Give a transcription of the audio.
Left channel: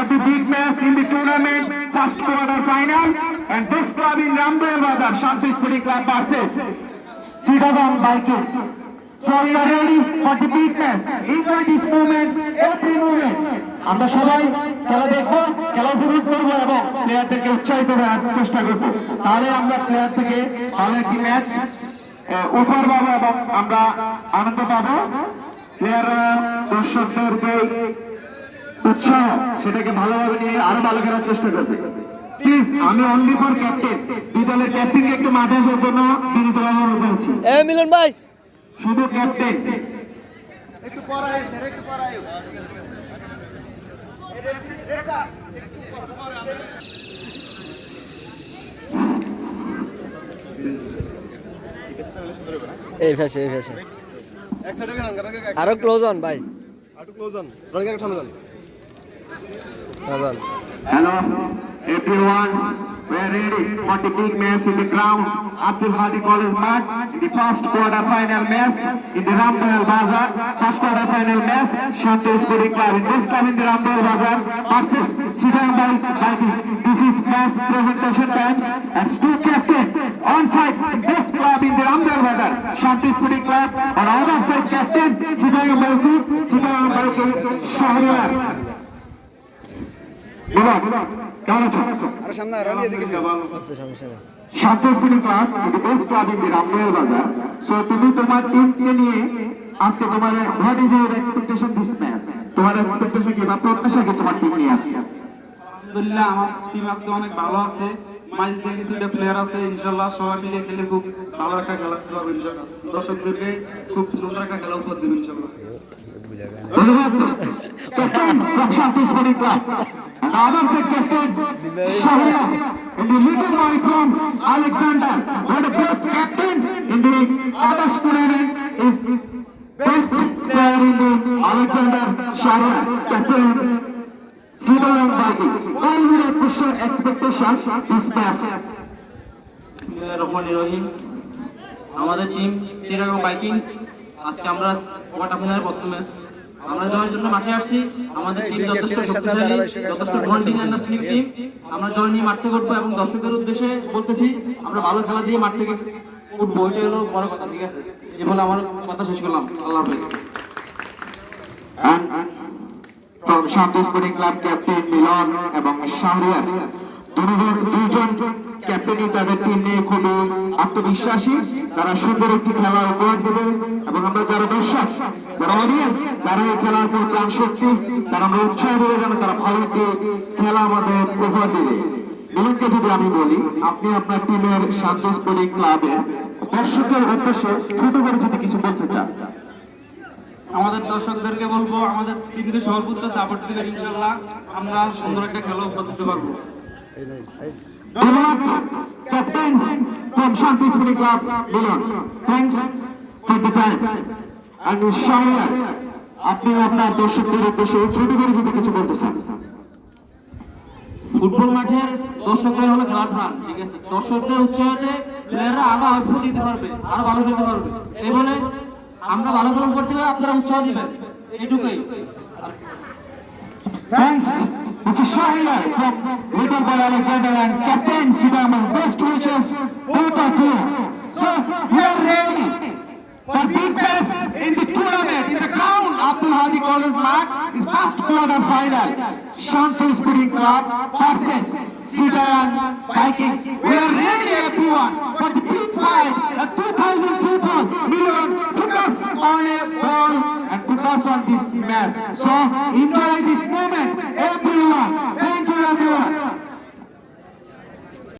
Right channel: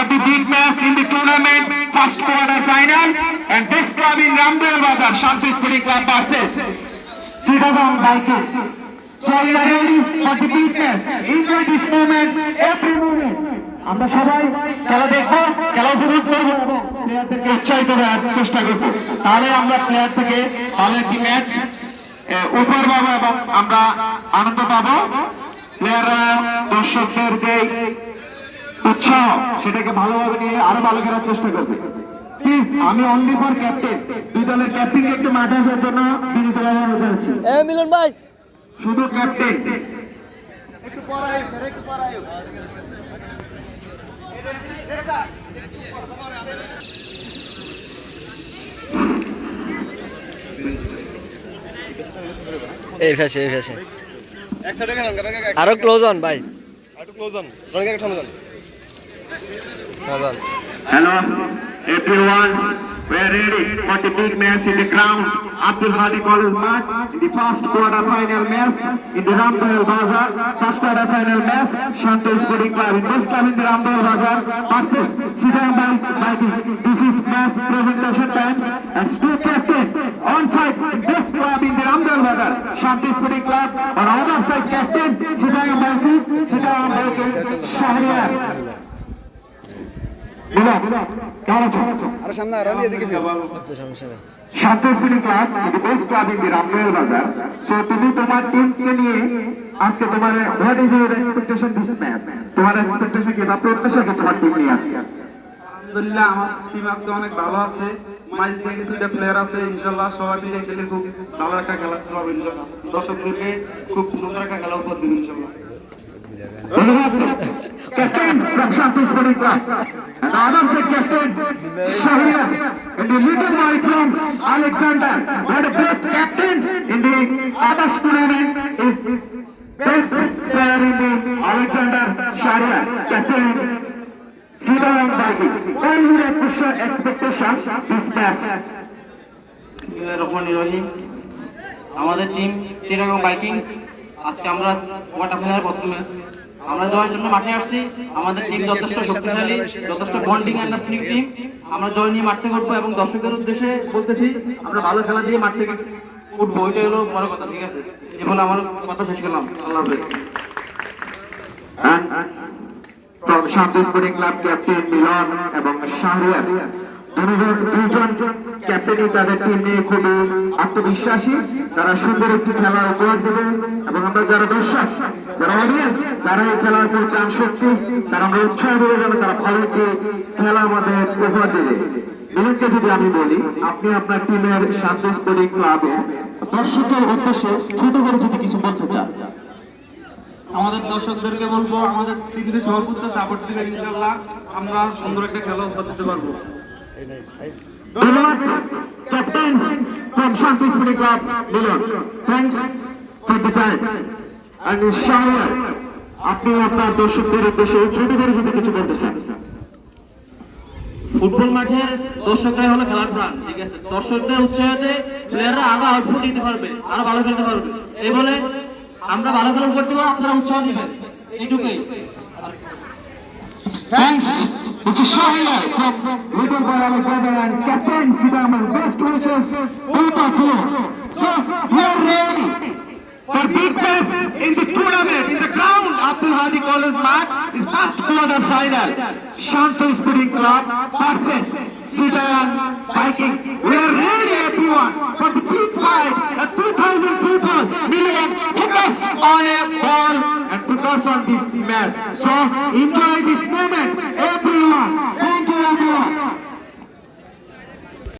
for the big match in the tournament, first quarter final, and this club in Ramdel Bazar, Shanti Sporting Club versus Chittagong Vikings. So we are ready for the big match. Enjoy this moment, every moment. আমরা সবাই খেলা দেখবো, খেলা উপভোগ করবো এবং প্লেয়ারদেরকে উৎসাহিত করার চেষ্টা করবো। তাহলে আমরা প্লেয়ার থেকে ভালো একটি ম্যাচ উপহার পাবো এবং আমরা আনন্দ পাবো। প্লেয়াররা দর্শকদেরকে উৎসাহ সেটাকে ভালোভাবে নিয়ে আরো ভালো খেলার চেষ্টা করবে। প্লিজ, আমি অনলি ফর ক্যাপ্টেন, দুই দলের ক্যাপ্টেনকে একটু মাঠে আসার জন্য বিনীতভাবে অনুরোধ করছি। মিলন ভাই, শুধু ক্যাপ্টেন একটু পড়ায়, একটু পড়ায়। এই ফ্যাশে আরো ক্লোজ অন ভাই, Hello, everyone. We're ready for the big match in the ground. Abdul Hadi College Mart in the first quarter final match in the Ramdel Bazar. First quarter final match, Shanti Sporting Club. In this time in the Ramdel Bazar versus Chittagong Vikings. This is match presentation match and two captains on side in this club in the Ramdel Bazar. Shanti Sporting Club and other side captain Chittagong Vikings. আরো সামনে আরো দিয়ে দিকে ফির আচ্ছা সমস্যা নেই। শান্তি sporting club the best club in the Ramdel Bazar. So তুমি তোমার টিমকে নিয়ে আজকে তোমার what is your expectation this match? তোমার expectation কি বা প্রত্যাশা কি তোমার টিম নিয়ে আজকে? আলহামদুলিল্লাহ, আমার টিম আজকে অনেক ভালো আছে। মাঝ থেকে দুইটা প্লেয়ার আছে, ইনশাল্লাহ সবাই মিলে খেলে খুব ভালো একটা খেলা হবে ইনশাল্লাহ। দর্শকদেরকে খুব সুন্দর একটা খেলা উপহার দেবে ইনশাল্লাহ। Captain from Shanti Sporting Club. Another set captain Shahriar in the middle boy from Alexander. What a best captain in the Adarsh tournament is best player in the Alexander Shahriar. Captain Chittagong Vikings. What is your expectation this match? আমাদের team Chittagong Vikings আজকে আমরা quarter ফাইনালের প্রথম match আমরা জয়ের জন্য মাঠে আসছি। আমাদের টিম যথেষ্ট শক্তিশালী, যথেষ্ট বন্ডিং আন্ডারস্ট্যান্ডিং টিম। আমরা জয় নিয়ে মাঠ থেকে উঠবো এবং দর্শকের উদ্দেশ্যে বলতেছি আমরা ভালো খেলা দিয়ে মাঠ থেকে উঠবো, ওইটাই হলো বড় কথা। ঠিক আছে, এই বলে আমার কথা শেষ করলাম। আল্লাহ হাফেজ। And from Shanti Sporting Club captain Milan এবং Shahriar, দুজন ক্যাপ্টেনই তাদের টিম নিয়ে খুবই আত্মবিশ্বাসী। তারা সুন্দর একটি খেলা উপহার দেবে এবং আমরা যারা দর্শক, যারা অডিয়েন্স, তারা এই খেলার উপর চান শক্তি, তারা আমরা উৎসাহ দেবে যেন তারা ভালো একটি খেলা আমাদের উপহার দেবে। মিলনকে যদি আমি বলি, আপনি আপনার টিমের শান্তি স্পোর্টিং ক্লাবে দর্শকের উদ্দেশ্যে ছোট করে যদি কিছু বলতে চান। আমাদের দর্শকদেরকে বলবো আমাদের পৃথিবীর সর্বোচ্চ সাপোর্ট দিলে ইনশাল্লাহ আমরা সুন্দর একটা খেলা উপহার দিতে পারবো। ধন্যবাদ captain from Shanti Sporting Club Milan. Thanks for the time. And Shahriar, আপনি আপনার দর্শকদের উদ্দেশ্যে ছোট করে যদি কিছু বলতে চান। ফুটবল মাঠের দর্শকরাই হলো খেলার প্রাণ। ঠিক আছে, দর্শকদের উৎসাহে প্লেয়াররা আরো আউটপুট দিতে পারবে, আরো ভালো খেলতে পারবে। এই বলে আমরা ভালো খেলা করতে হবে, আপনারা উৎসাহ দিবেন, এইটুকুই। Thanks. This is Shahriar from Little Boy Alexander and Captain Chittagong. Best wishes both of you. So we are ready for big match in the tournament in the ground. Abdul Hadi College Mart is first quarter final. Shanti Sporting Club versus Chittagong Vikings. We are ready everyone for the big fight. 2,000 people million focus on a ball and focus on this match. So enjoy